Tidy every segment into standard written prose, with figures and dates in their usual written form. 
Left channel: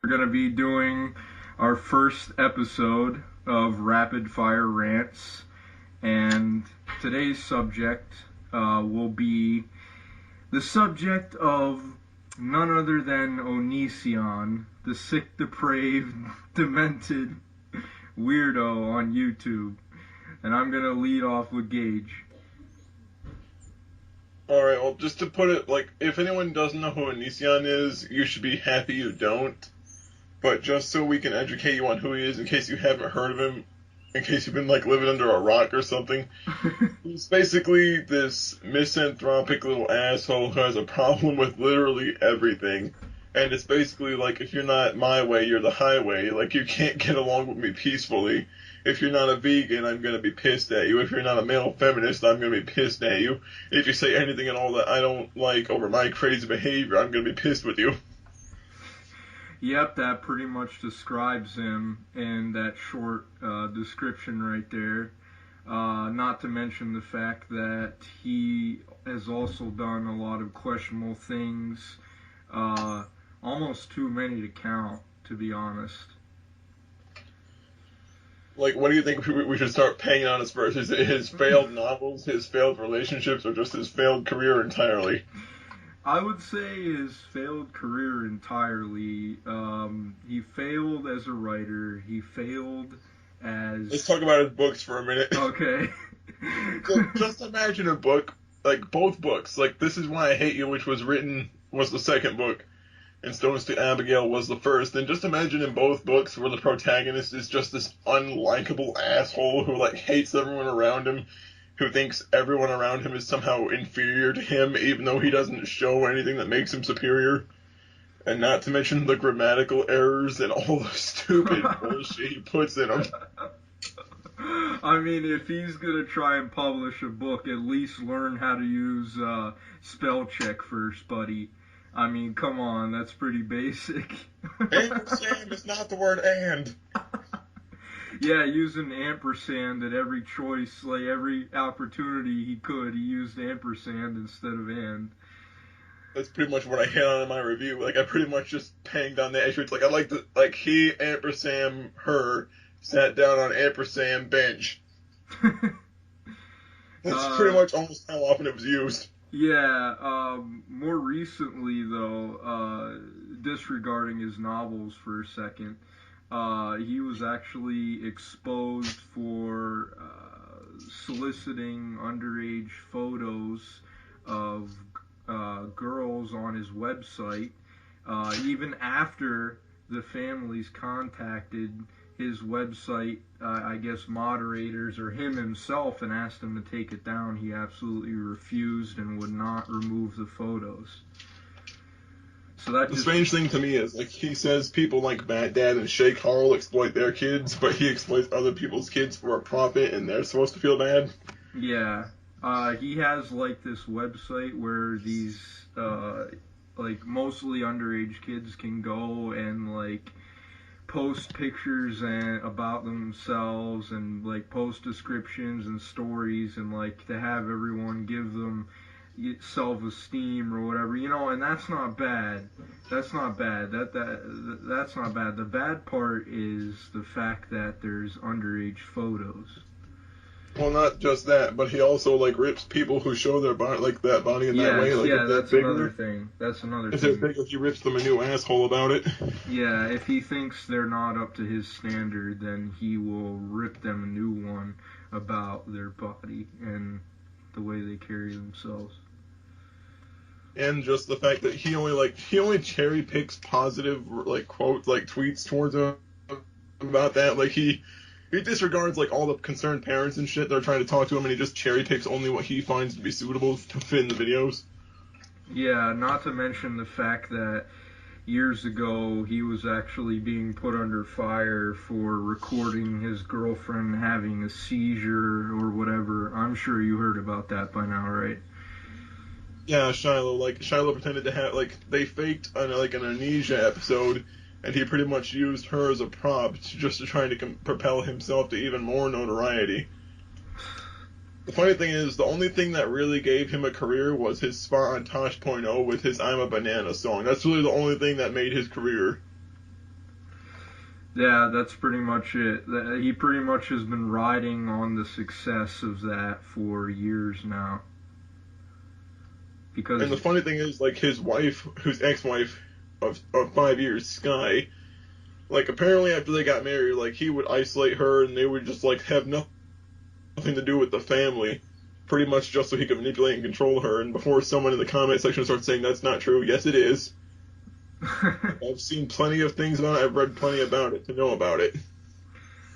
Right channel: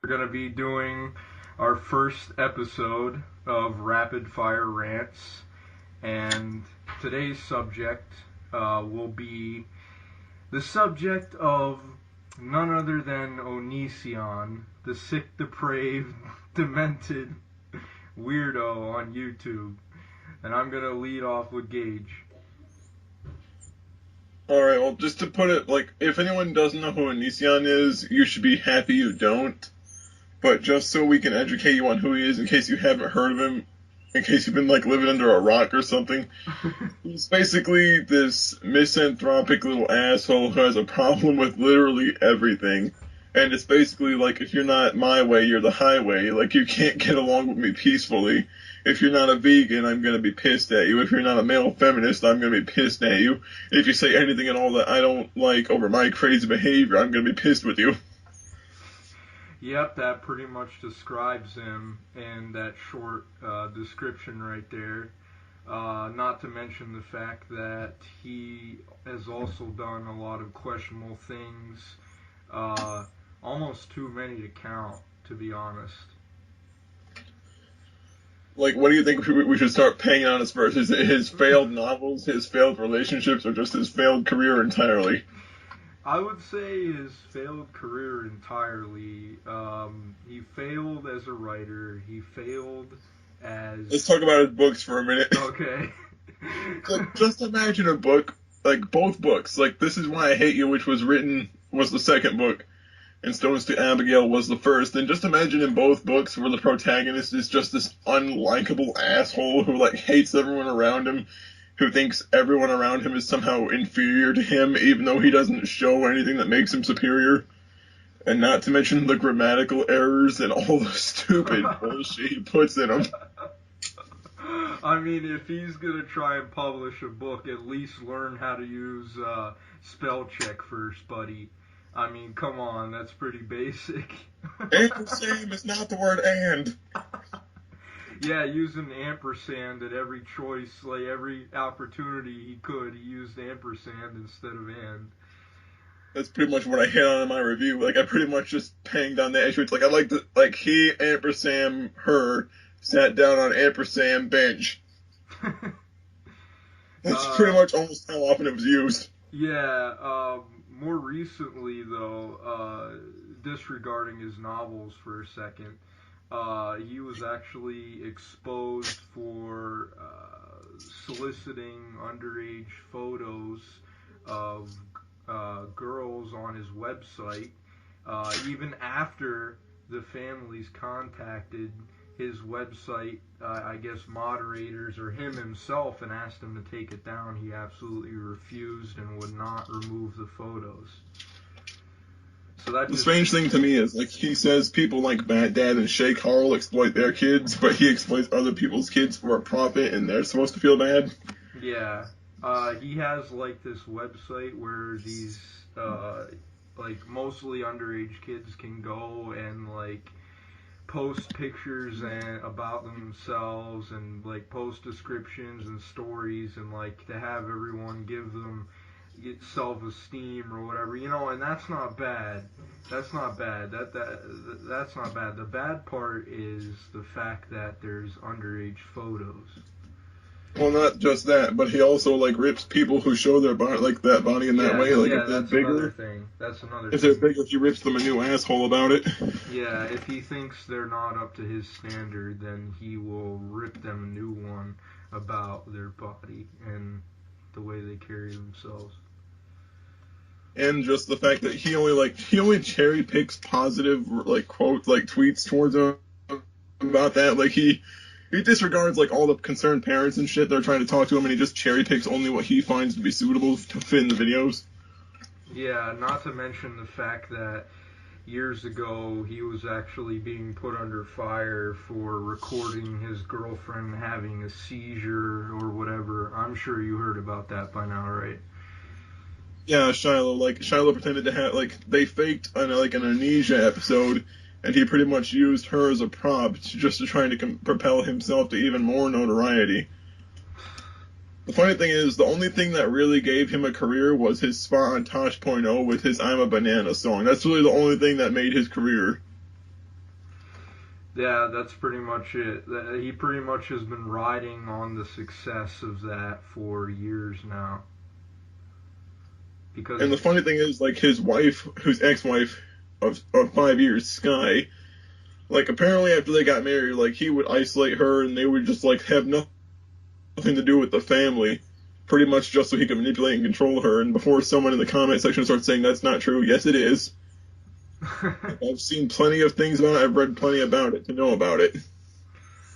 We're going to be doing our first episode of Rapidfire Rants, and today's subject will be the subject of none other than Onision, the sick, depraved, demented weirdo on YouTube. And I'm going to lead off with Gage. Alright, well, just to put it, if anyone doesn't know who Onision is, you should be happy you don't. But just so we can educate you on who he is, in case you haven't heard of him, in case you've been, living under a rock or something, he's basically this misanthropic little asshole who has a problem with literally everything. And it's basically if you're not my way, you're the highway. You can't get along with me peacefully. If you're not a vegan, I'm gonna be pissed at you. If you're not a male feminist, I'm gonna be pissed at you. If you say anything at all that I don't like over my crazy behavior, I'm gonna be pissed with you. Yep, that pretty much describes him in that short description right there. Not to mention the fact that he has also done a lot of questionable things, almost too many to count, to be honest. What do you think we should start paying on his first? His failed novels, his failed relationships, or just his failed career entirely? I would say his failed career entirely. He failed as a writer. He failed as. Let's talk about his books for a minute. Okay. Just imagine a book, both books. This Is Why I Hate You, which was the second book, and Stones to Abigail was the first. And just imagine in both books where the protagonist is just this unlikable asshole who, hates everyone around him, who thinks everyone around him is somehow inferior to him, even though he doesn't show anything that makes him superior. And not to mention the grammatical errors and all the stupid bullshit he puts in them. I mean, if he's gonna try and publish a book, at least learn how to use spell check first, buddy. I mean, come on, that's pretty basic. Ampersand is not the word and. Yeah, using ampersand at every choice, every opportunity he could, he used ampersand instead of and. That's pretty much what I hit on in my review. I pretty much just panged on the issue. It's I like the he ampersand her sat down on ampersand bench. That's pretty much almost how often it was used. Yeah, more recently though, disregarding his novels for a second, he was actually exposed for soliciting underage photos of girls on his website, even after the families contacted his website, I guess, moderators or him himself and asked him to take it down. He absolutely refused and would not remove the photos. So that The just strange thing to me is, he says people like Matt Dad and Shay Carl exploit their kids, but he exploits other people's kids for a profit, and they're supposed to feel bad. Yeah. He has this website where these mostly underage kids can go and post pictures and about themselves and post descriptions and stories and to have everyone give them self-esteem or whatever, and that's not bad. That's not bad. That's not bad. The bad part is the fact that there's underage photos. Well, not just that, but he also like rips people who show their body like that body in that way. Yes, Like yeah, that's another thing. That's another if they're thing. bigger, he rips them a new asshole about it. Yeah, if he thinks they're not up to his standard, then he will rip them a new one about their body and the way they carry themselves. And just the fact that he only cherry picks positive like quotes like tweets towards him about that. Like he disregards like all the concerned parents and shit that are trying to talk to him, and he just cherry picks only what he finds to be suitable to fit in the videos. Yeah, not to mention the fact that years ago he was actually being put under fire for recording his girlfriend having a seizure or whatever. I'm sure you heard about that by now, right? Yeah, Shiloh pretended to have like they faked an Onision episode, and he pretty much used her as a prop just to try to propel himself to even more notoriety. The funny thing is, the only thing that really gave him a career was his spot on Tosh.0 with his "I'm a Banana" song. That's really the only thing that made his career. Yeah, that's pretty much it. He pretty much has been riding on the success of that for years now. And Because, the funny thing is, like his wife, whose ex-wife of 5 years, Sky, like apparently after they got married, like he would isolate her, and they would just like have nothing to do with the family, pretty much just so he could manipulate and control her. And before someone in the comment section starts saying that's not true, yes it is. I've seen plenty of things about it. I've read plenty about it to know about it.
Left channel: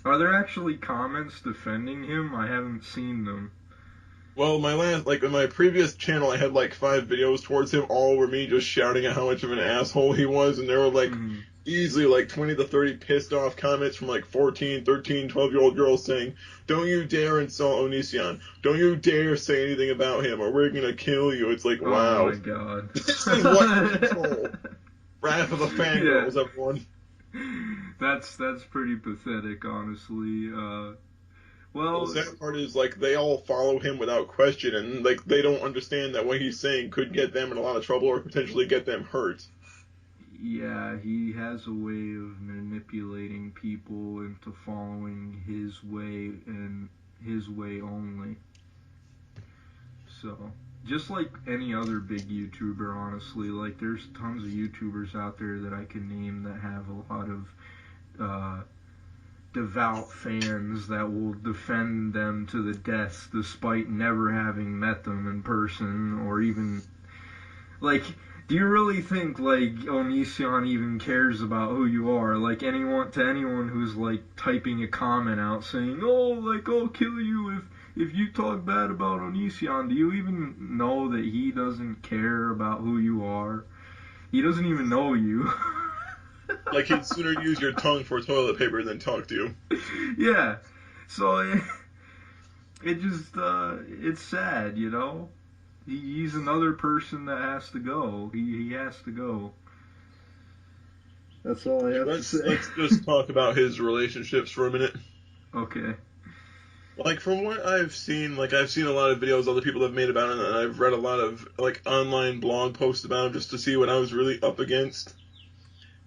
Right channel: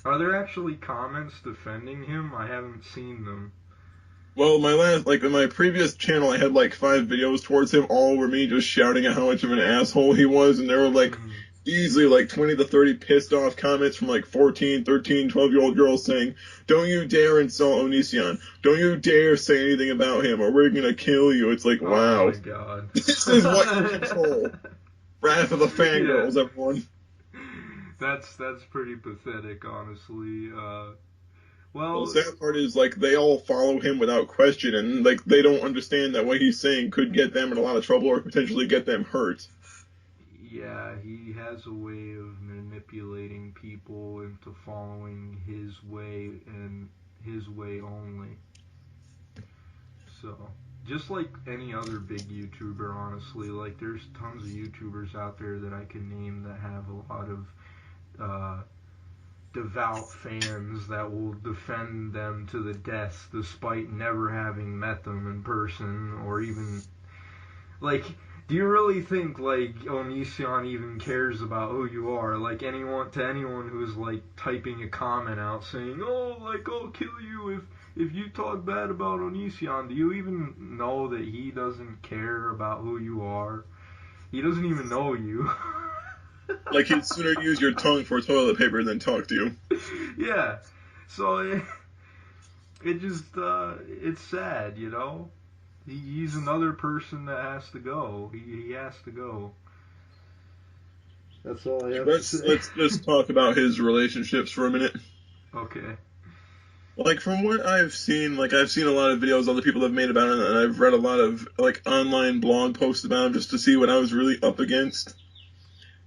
are there actually comments defending him? I haven't seen them. Well, like in my previous channel, I had like 5 videos towards him. All were me just shouting at how much of an asshole he was, and there were like Hmm. easily like 20 to 30 pissed off comments from like 14, 13, 12-year-old girls saying, "Don't you dare insult Onision. Don't you dare say anything about him, or we're gonna kill you." It's like, Oh wow, my god. this is what you control. Wrath of the Yeah. fangirls, everyone. That's pretty pathetic, honestly. Well, Well, the sad part is like they all follow him without question, and like they don't understand that what he's saying could get them in a lot of trouble or potentially get them hurt. yeah, he has a way of manipulating people into following his way and his way only. So, just like any other big YouTuber, honestly, like there's tons of YouTubers out there that I can name that have a lot of devout fans that will defend them to the death despite never having met them in person or even like do you really think like Onision even cares about who you are? Like anyone who's like typing a comment out saying, "Oh, like I'll kill you if you talk bad about Onision." Do you even know that he doesn't care about who you are? He doesn't even know you. Like he'd sooner use your tongue for toilet paper than talk to you. Yeah. So it just it's sad, you know. He's another person that has to go. He has to go. That's all I have to say. Let's just talk about his relationships for a minute. Okay. Like from what I've seen, like I've seen a lot of videos other people have made about him, and I've read a lot of like online blog posts about him just to see what I was really up against.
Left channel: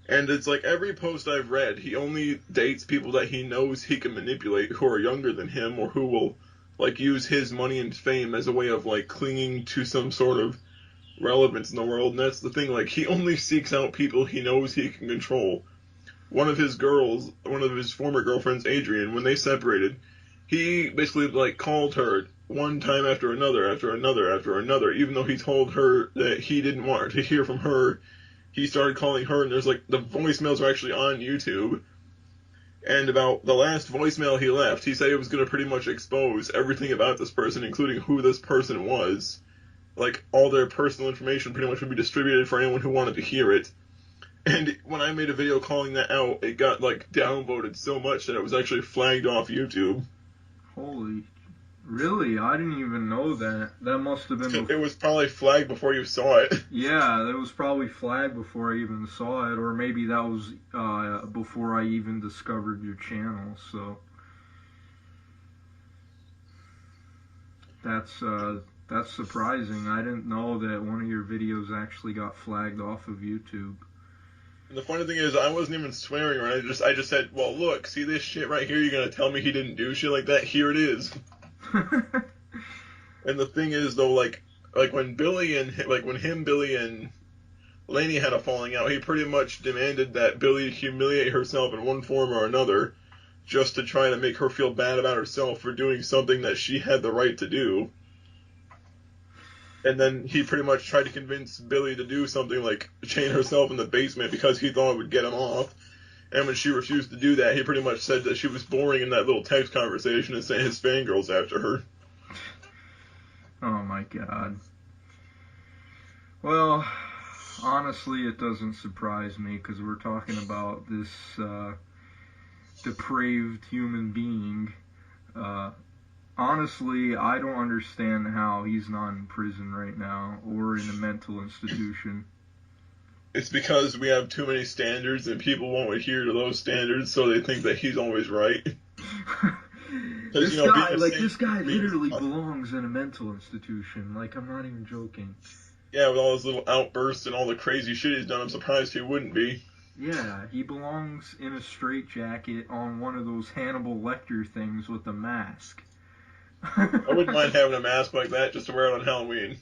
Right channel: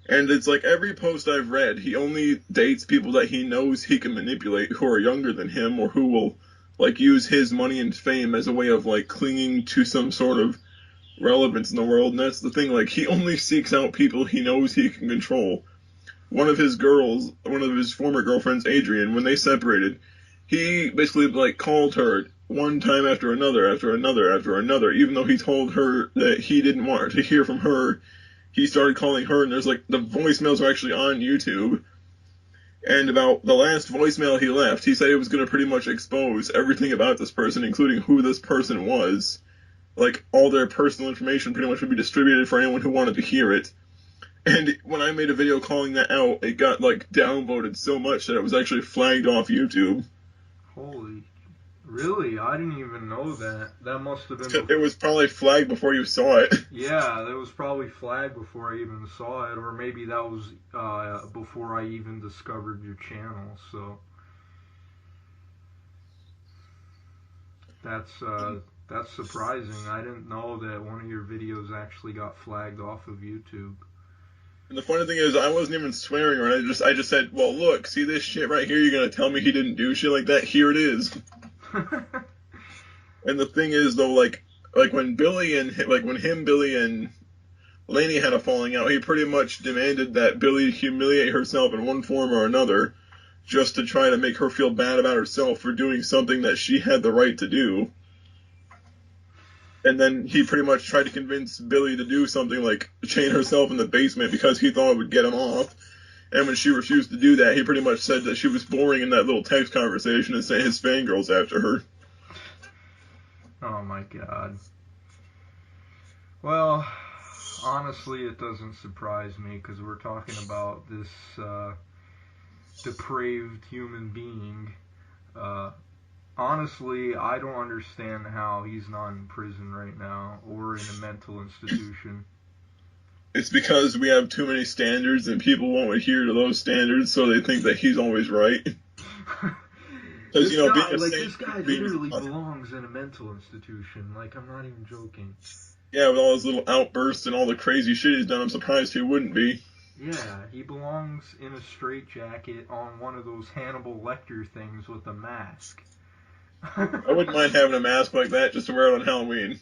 And it's like every post I've read, he only dates people that he knows he can manipulate who are younger than him or who will like use his money and fame as a way of like clinging to some sort of relevance in the world. And that's the thing, like he only seeks out people he knows he can control. One of his former girlfriends, Adrian, when they separated, he basically like called her one time after another, after another, after another, even though he told her that he didn't want to hear from her. He started calling her, and there's like the voicemails are actually on YouTube. And about the last voicemail he left, he said it was going to pretty much expose everything about this person, including who this person was. Like all their personal information pretty much would be distributed for anyone who wanted to hear it. And when I made a video calling that out, it got like downvoted so much that it was actually flagged off YouTube. Holy. Really? I didn't even know that. That must have been It was probably flagged before you saw it. yeah, that was probably flagged before I even saw it, or maybe that was before I even discovered your channel. So that's uh, that's surprising. I didn't know that one of your videos actually got flagged off of YouTube. And the funny thing is, I wasn't even swearing, or I just said, "Well, look, see this shit right here? You're gonna tell me he didn't do shit like that? Here it is." And the thing is, though, like when Billy and Lainey had a falling out, he pretty much demanded that Billy humiliate herself in one form or another, just to try to make her feel bad about herself for doing something that she had the right to do. And then he pretty much tried to convince Billy to do something like chain herself in the basement because he thought it would get him off. And when she refused to do that, he pretty much said that she was boring in that little text conversation and sent his fangirls after her. Oh my god. Well, honestly, it doesn't surprise me because we're talking about this depraved human being. Uh, Honestly, I don't understand how he's not in prison right now or in a mental institution. It's because we have too many standards and people won't adhere to those standards, so they think that he's always right. Because, This being guy, a like, saint this guy means, literally belongs in a mental institution. Like, I'm not even joking. yeah, with all his little outbursts and all the crazy shit he's done, I'm surprised he wouldn't be. Yeah, he belongs in a straitjacket on one of those Hannibal Lecter things with a mask. I wouldn't mind having a mask like that just to wear it on Halloween.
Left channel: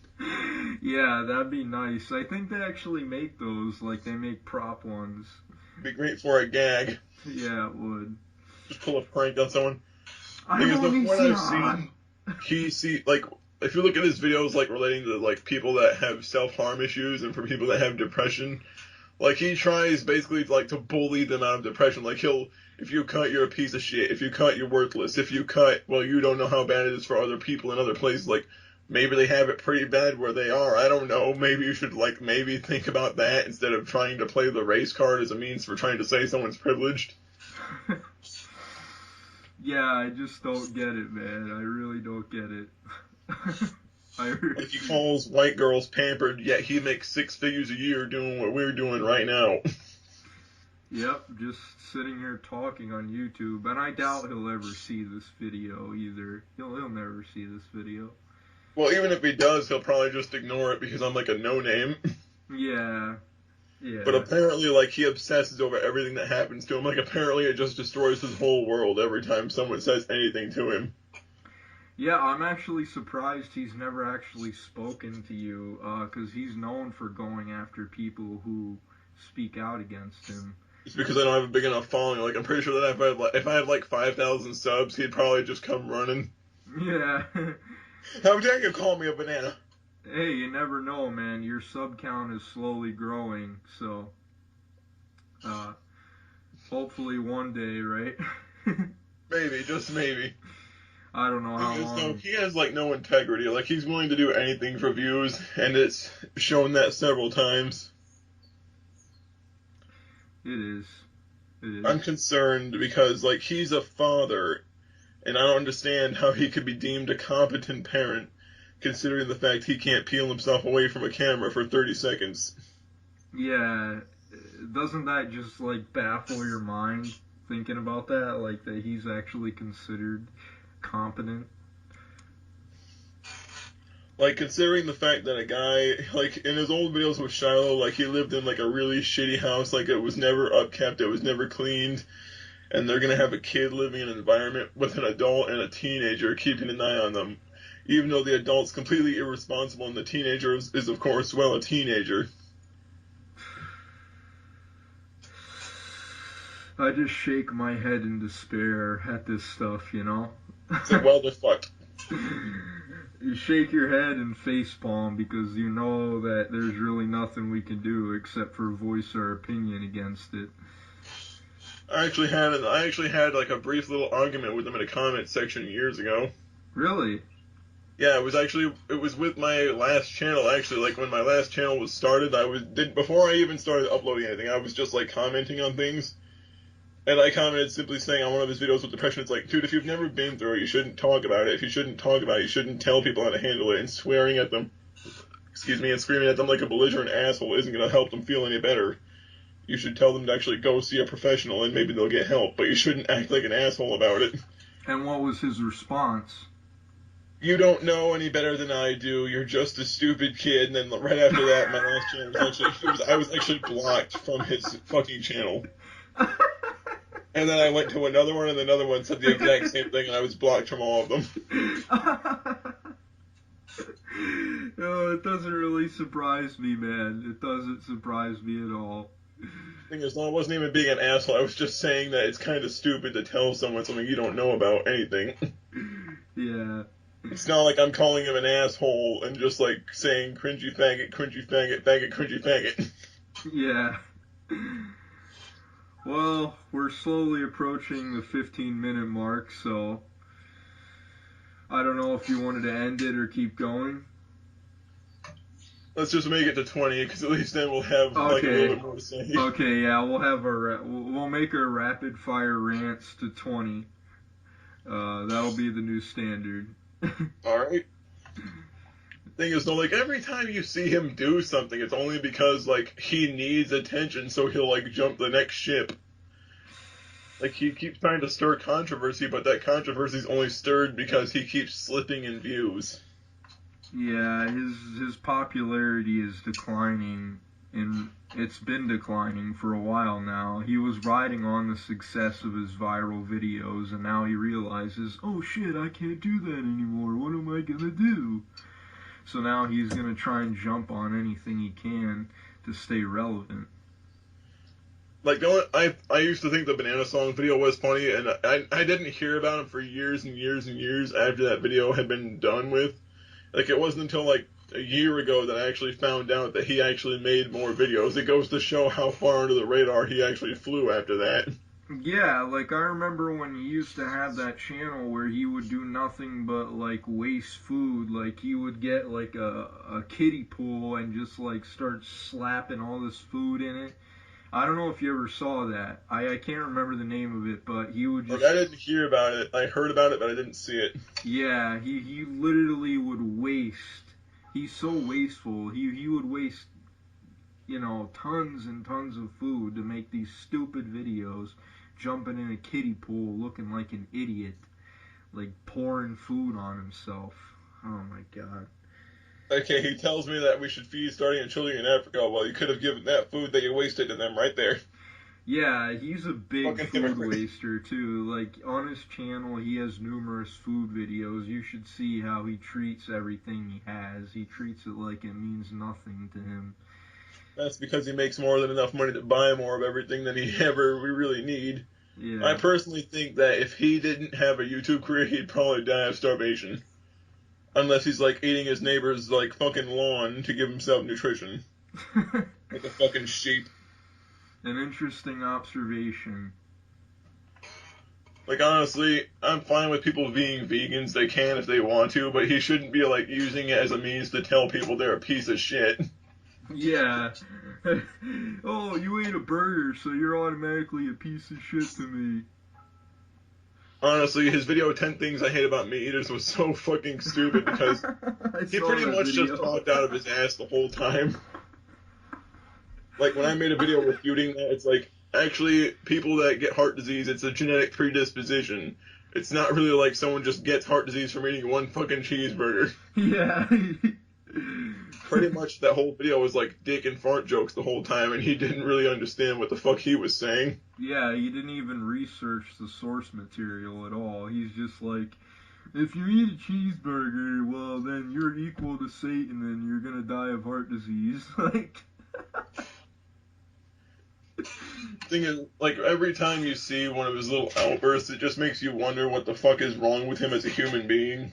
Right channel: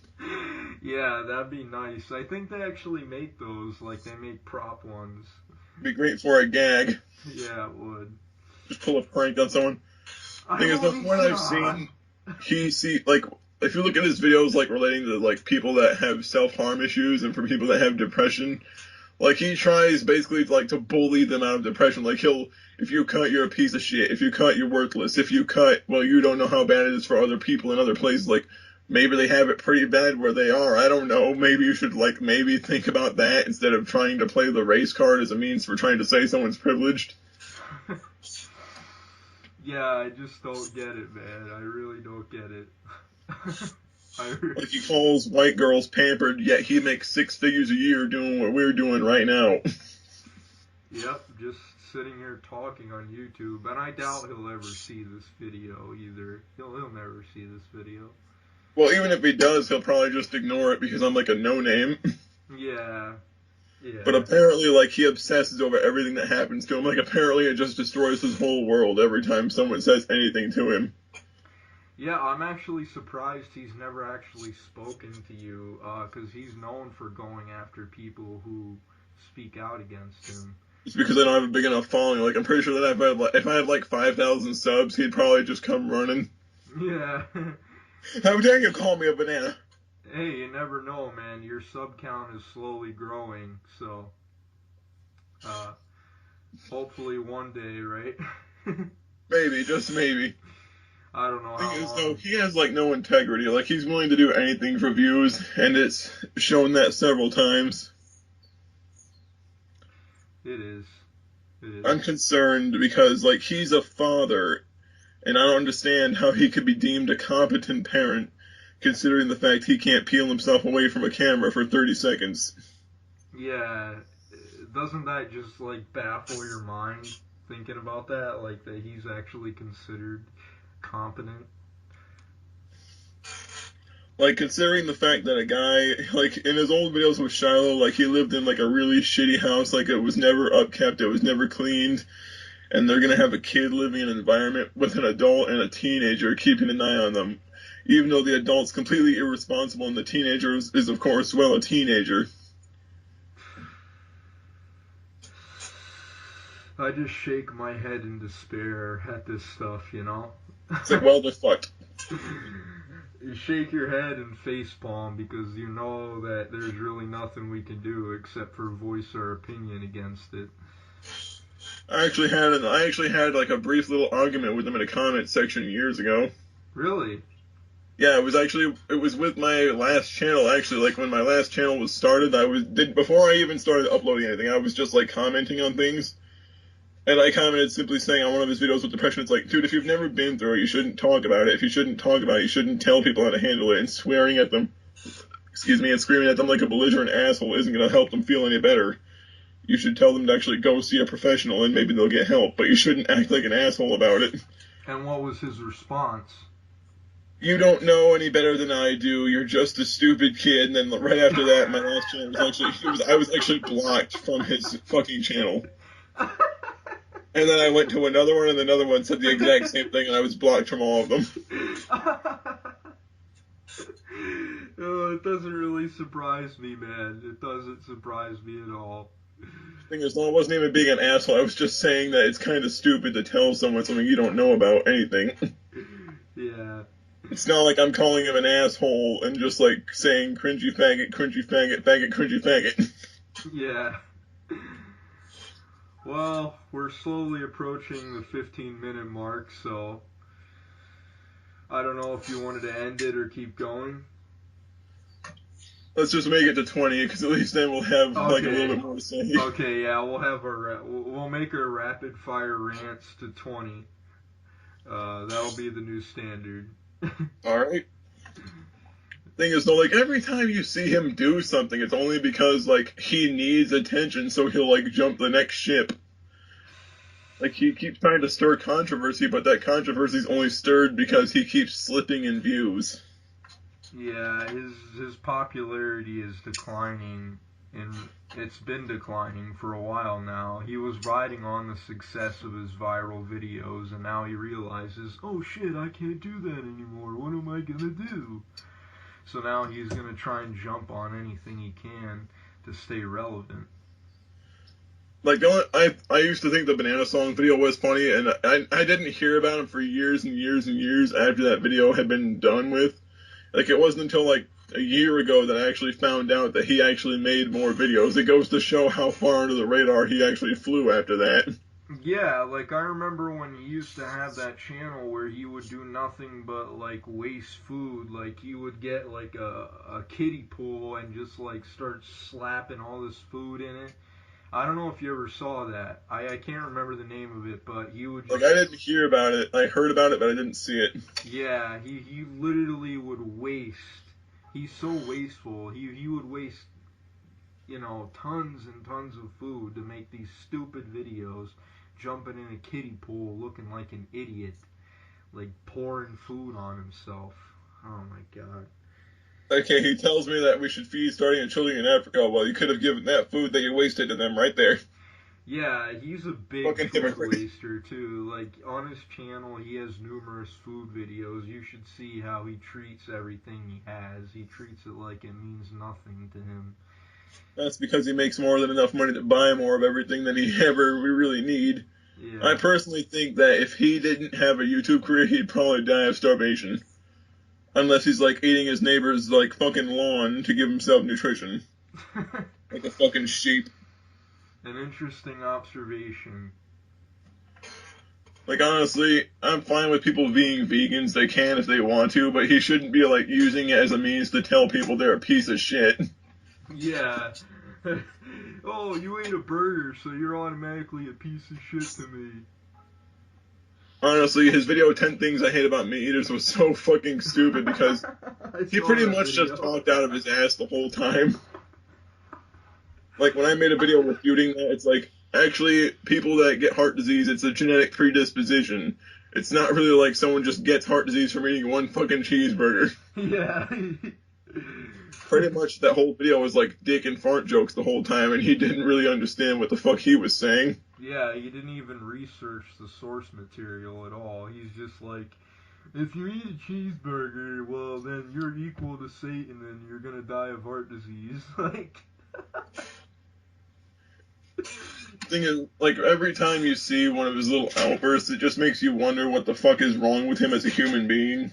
Yeah, that'd be nice. I think they actually make those, like, they make prop ones. It'd be great for a gag. Yeah, it would. Just pull a prank on someone. Thing I'm is, the point I've Onision! seen, if you look at his videos, like, relating to, like, people that have self-harm issues and for people that have depression, like, he tries basically, like, to bully them out of depression. Like, if you cut, you're a piece of shit. If you cut, you're worthless. If you cut, well, you don't know how bad it is for other people in other places. Like, maybe they have it pretty bad where they are. I don't know. Maybe you should, like, maybe think about that instead of trying to play the race card as a means for trying to say someone's privileged. Yeah, I just don't get it, man. I really don't get it. Like, he calls white girls pampered, yet he makes six figures a year doing what we're doing right now. Yep, just sitting here talking on YouTube, and I doubt he'll ever see this video either. He'll never see this video. Well, even if he does, he'll probably just ignore it because I'm like a no-name. Yeah, But yeah. apparently, like, he obsesses over everything that happens to him. Like, apparently it just destroys his whole world every time someone says anything to him. Yeah, I'm actually surprised he's never actually spoken to you, because he's known for going after people who speak out against him. It's because I don't have a big enough following. Like, I'm pretty sure that if I had like 5,000 subs, he'd probably just come running. Yeah. How dare you call me a banana? Hey, you never know, man. Your sub count is slowly growing, so uh, hopefully one day, right? Maybe, just maybe. I don't know Thing how is, though, long. he has like no integrity. Like, he's willing to do anything for views, and it's shown that several times. It is. It is. I'm concerned because, like, he's a father, and I don't understand how he could be deemed a competent parent, considering the fact he can't peel himself away from a camera for 30 seconds. Yeah. Doesn't that just like baffle your mind thinking about that? Like that he's actually considered competent? Like, considering the fact that a guy, like, in his old videos with Shiloh, like, he lived in, like, a really shitty house, like, it was never upkept, it was never cleaned, and they're gonna have a kid living in an environment with an adult and a teenager keeping an eye on them. Even though the adult's completely irresponsible and the teenager is of course, well, a teenager. I just shake my head in despair at this stuff, you know? It's like, well, they're fucked. You shake your head and facepalm because you know that there's really nothing we can do except for voice our opinion against it. I actually had like a brief little argument with them in a comment section years ago. Really? Yeah, it was with my last channel actually. Like when my last channel was started, before I even started uploading anything, I was just like commenting on things. And I commented simply saying on one of his videos with depression, it's like, dude, if you've never been through it, you shouldn't talk about it. If you shouldn't talk about it, you shouldn't tell people how to handle it. And swearing at them, and screaming at them like a belligerent asshole isn't going to help them feel any better. You should tell them to actually go see a professional and maybe they'll get help, but you shouldn't act like an asshole about it. And what was his response? You don't know any better than I do. You're just a stupid kid. And then right after that, my last channel I was actually blocked from his fucking channel. And then I went to another one, and another one said the exact same thing, and I was blocked from all of them. Oh, it doesn't really surprise me, man. It doesn't surprise me at all. Thing is, no, I wasn't even being an asshole. I was just saying that it's kind of stupid to tell someone something you don't know about anything. Yeah. It's not like I'm calling him an asshole and just like saying cringy faggot, faggot, cringy faggot. Yeah. Well, we're slowly approaching the 15-minute mark, so I don't know if you wanted to end it or keep going. Let's just make it to 20, because at least then we'll have like a little Okay. bit more to say. Okay, yeah, we'll make our rapid fire rants to 20. That'll be the new standard. Alright? Thing is, though, like every time you see him do something, it's only because like he needs attention, so he'll like jump the next ship. Like he keeps trying to stir controversy, but that controversy's only stirred because he keeps slipping in views. Yeah, his popularity is declining, and it's been declining for a while now. He was riding on the success of his viral videos, and now he realizes, oh shit, I can't do that anymore. What am I gonna do? So now he's gonna try and jump on anything he can to stay relevant. Like the only, I used to think the Banana Song video was funny, and I didn't hear about him for years and years and years after that video had been done with. Like it wasn't until like a year ago that I actually found out that he actually made more videos. It goes to show how far under the radar he actually flew after that. Yeah, like I remember when he used to have that channel where he would do nothing but like waste food. Like he would get like a kiddie pool and just like start slapping all this food in it. I don't know if you ever saw that. I can't remember the name of it, but he would Like just I didn't hear about it. I heard about it, but I didn't see it. yeah, he literally would waste. He's so wasteful. He would waste, tons and tons of food to make these stupid videos, jumping in a kiddie pool looking like an idiot, like pouring food on himself. Oh my god. Okay, he tells me that we should feed starving children in Africa. Well, you could have given that food that you wasted to them right there. Yeah, he's a big Fucking food hypocrite. waster too. Like on his channel, he has numerous food videos. You should see how he treats everything he has. He treats it like it means nothing to him. That's because he makes more than enough money to buy more of everything than he ever we really need. I Yeah. personally think that if he didn't have a YouTube career, he'd probably die of starvation. Unless he's like eating his neighbor's like fucking lawn to give himself nutrition. Like a fucking sheep. An interesting observation. Like honestly, I'm fine with people being vegans. They can if they want to, but he shouldn't be like using it as a means to tell people they're a piece of shit. Yeah. Oh, you ate a burger, so you're automatically a piece of shit to me. Honestly, his video 10 Things I Hate About Meat Eaters was so fucking stupid because I he saw pretty that much just video. talked out of his ass the whole time. Like when I made a video refuting that, it's like actually people that get heart disease, it's a genetic predisposition. It's not really like someone just gets heart disease from eating one fucking cheeseburger. Yeah. Pretty much that whole video was like dick and fart jokes the whole time, and he didn't really understand what the fuck he was saying. Yeah, he didn't even research the source material at all. He's just like, if you eat a cheeseburger, well, then you're equal to Satan and you're gonna die of heart disease. Like, Thing is, like every time you see one of his little outbursts, it just makes you wonder what the fuck is wrong with him as a human being.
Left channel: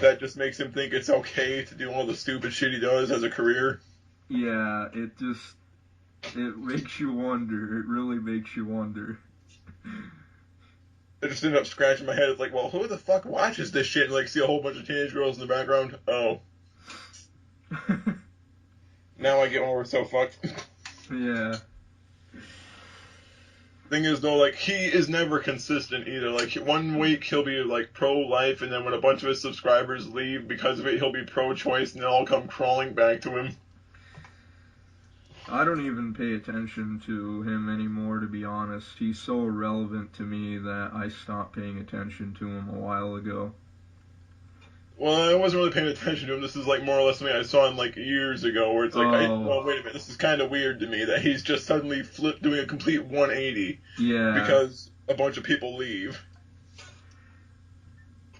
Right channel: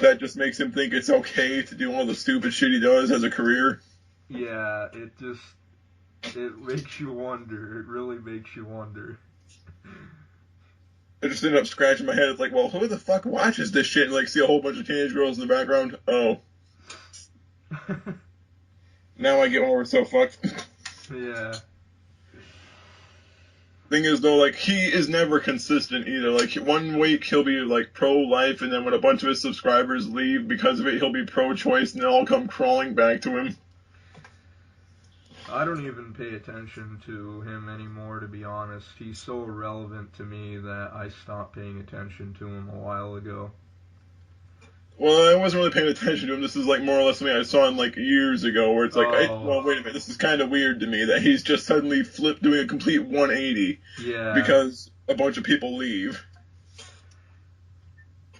That just makes him think it's okay to do all the stupid shit he does as a career. yeah, it makes you wonder. It really makes you wonder. I just ended up scratching my head. It's like, well, who the fuck watches this shit? And like see a whole bunch of teenage girls in the background. Oh, now I get why we're so fucked. Yeah. Thing is though, like he is never consistent either. Like one week he'll be like pro-life, and then when a bunch of his subscribers leave because of it, he'll be pro-choice, and they'll all come crawling back to him. I don't even pay attention to him anymore, to be honest. He's so irrelevant to me that I stopped paying attention to him a while ago. Well, I wasn't really paying attention to him. This is like more or less something I saw him like years ago, where it's like, Oh, well, wait a minute, this is kind of weird to me that he's just suddenly flipped, doing a complete 180. yeah. Because a bunch of people leave.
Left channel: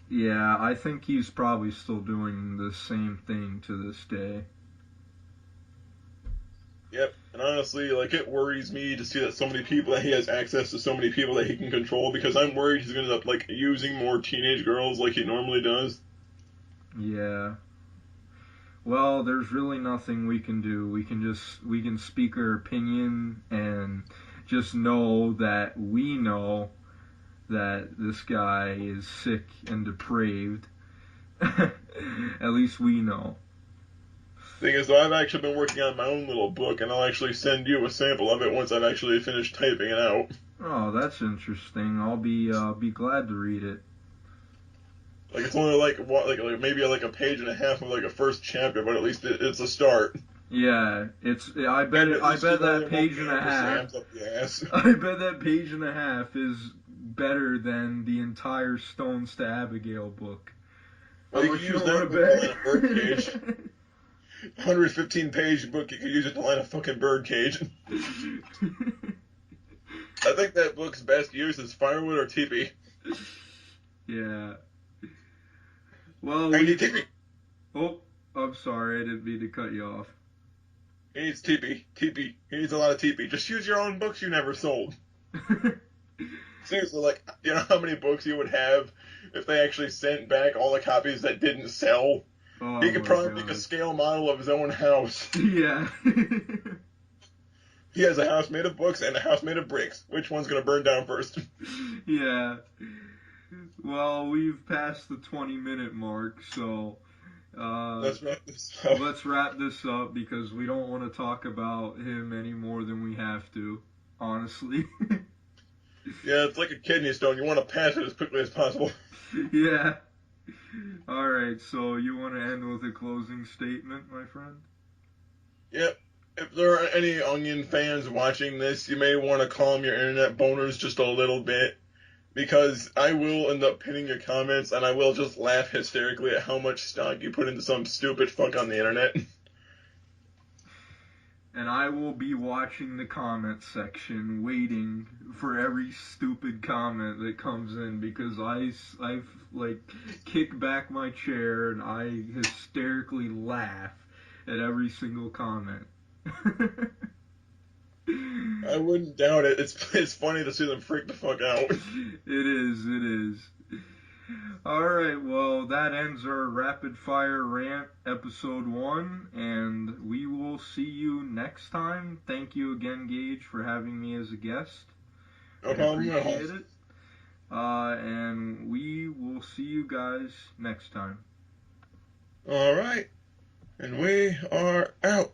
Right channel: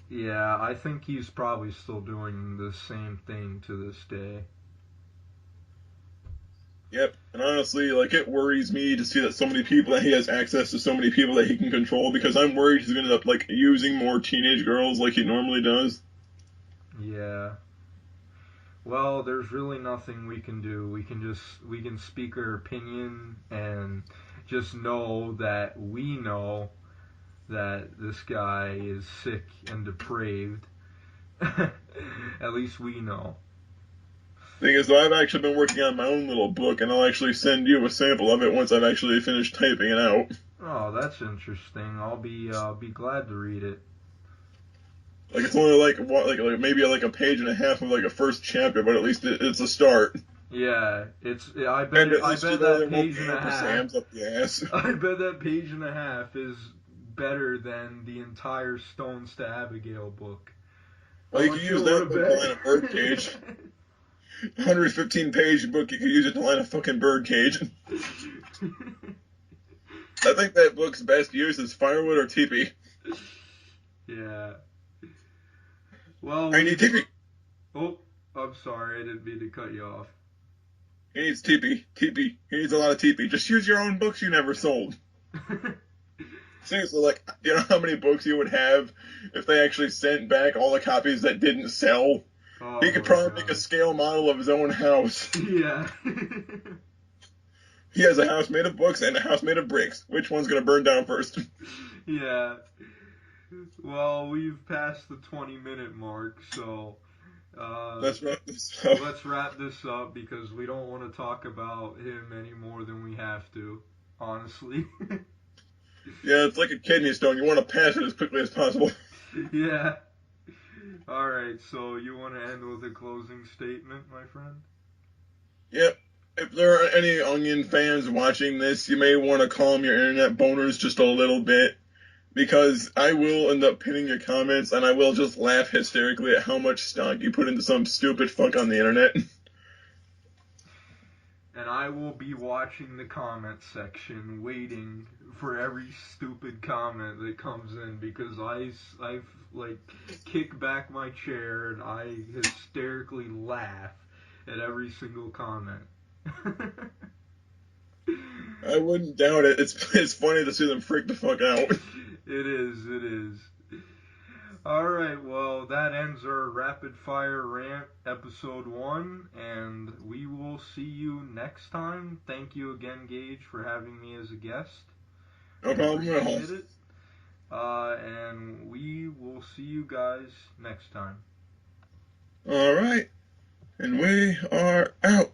Yeah, I think he's probably still doing the same thing to this day. Yep, and honestly, like it worries me to see that so many people that he has access to so many people that he can control because I'm worried he's gonna end up like using more teenage girls like he normally does. Yeah. Well, there's really nothing we can do. We can speak our opinion and just know that we know that this guy is sick and depraved. At least we know. Thing is, though, I've actually been working on my own little book, and I'll actually send you a sample of it once I've actually finished typing it out. Oh, that's interesting. I'll be glad to read it. Like it's only like what, like maybe like a page and a half of like a first chapter, but at least it's a start. Yeah, it's. And at I least you bet know that there won't page be and a half. ampersams up the ass. I bet that page and a half is better than the entire Stones to Abigail book. Well, How you could much you use want that to book to line a bet? birdcage. 115-page book, you could use it to line a fucking birdcage. I think that book's best use is firewood or teepee. Yeah. Well, I we. need teepee. Oh, I'm sorry. I didn't mean to cut you off. He needs teepee. Teepee. He needs a lot of teepee. Just use your own books you never sold. Seriously, like, you know how many books you would have if they actually sent back all the copies that didn't sell? Oh He could my probably make a god. scale model of his own house. Yeah. He has a house made of books and a house made of bricks. Which one's gonna burn down first? Yeah. Well, we've passed the 20-minute mark, so uh, Let's wrap this up. let's wrap this up because we don't want to talk about him any more than we have to, honestly. Yeah, it's like a kidney stone. You want to pass it as quickly as possible. Yeah. All right, so you want to end with a closing statement, my friend? Yep. If there are any Onion fans watching this, you may want to calm your internet boners just a little bit. Because I will end up pinning your comments and I will just laugh hysterically at how much stock you put into some stupid fuck on the internet. And I will be watching the comment section, waiting for every stupid comment that comes in because I've like kicked back my chair and I hysterically laugh at every single comment. I wouldn't doubt it. It's funny to see them freak the fuck out. It is, it is. Alright, well, that ends our Rapid Fire Rant episode 1, and we will see you next time. Thank you again, Gage, for having me as a guest. No I problem at all. appreciate it. And we will see you guys next time. Alright, and we are out.